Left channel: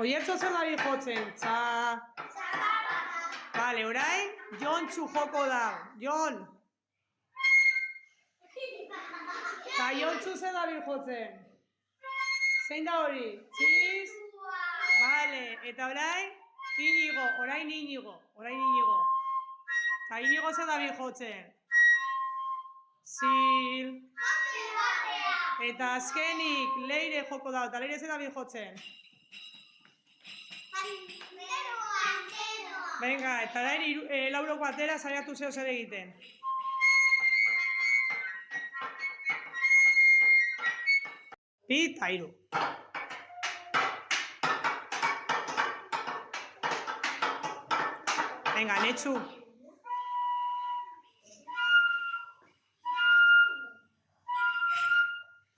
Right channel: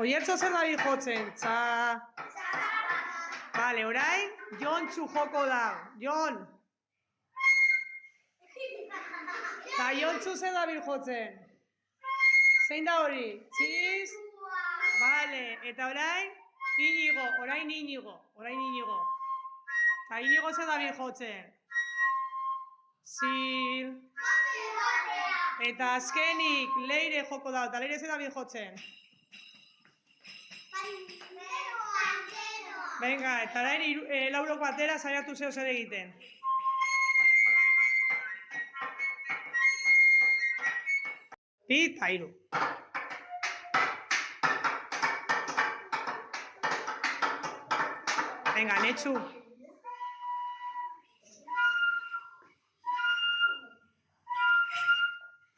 Oiertzo zer dabil jotzen? Vale, orain, Jontxu joko da. Jon! Eta Jontxu zer dabil jotzen? Zein da hori? Txiz? Vale, eta orain, Inigo, orain Inigo. Eta Inigo zer dabil jotzen? Zil. Eta azkenik, Leire joko da. Eta Leire zer dabil jotzen? Venga, eta orain lauroko atera saiatu zeo zer egiten. Bi eta hiru. Venga, Netxu.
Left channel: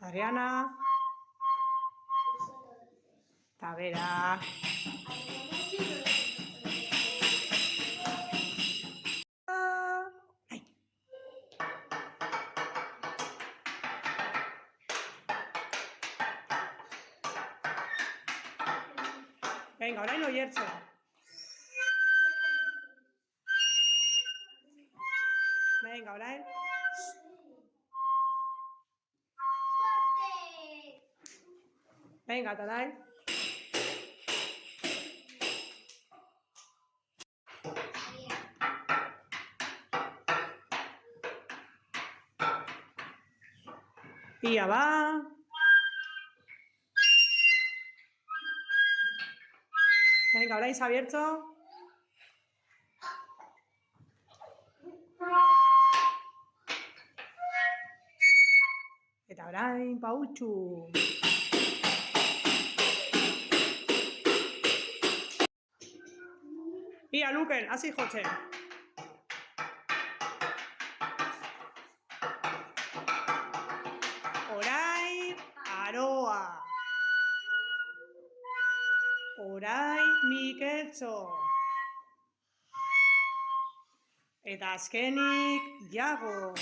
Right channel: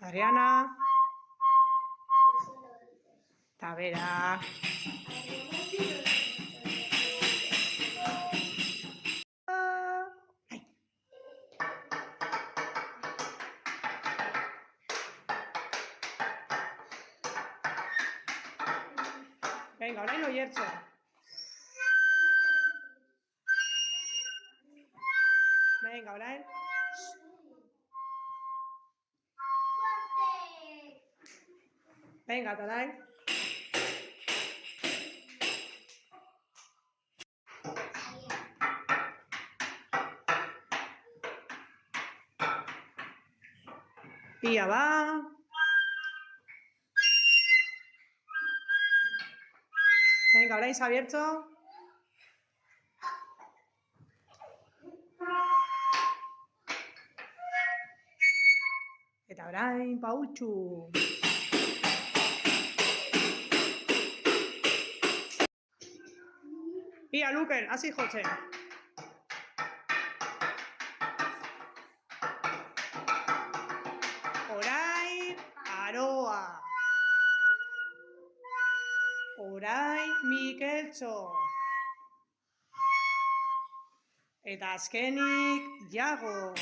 Ariana. Eta bera. Venga, orain Oiertzo. Venga, orain. Venga, eta orain. Ia ba. Venga, orain Xabiertxo. Eta orain Paultxu. Ia Luken, hasi jotzen. Orain Aroa. Orain Mikeltxo. Eta azkenik Iago.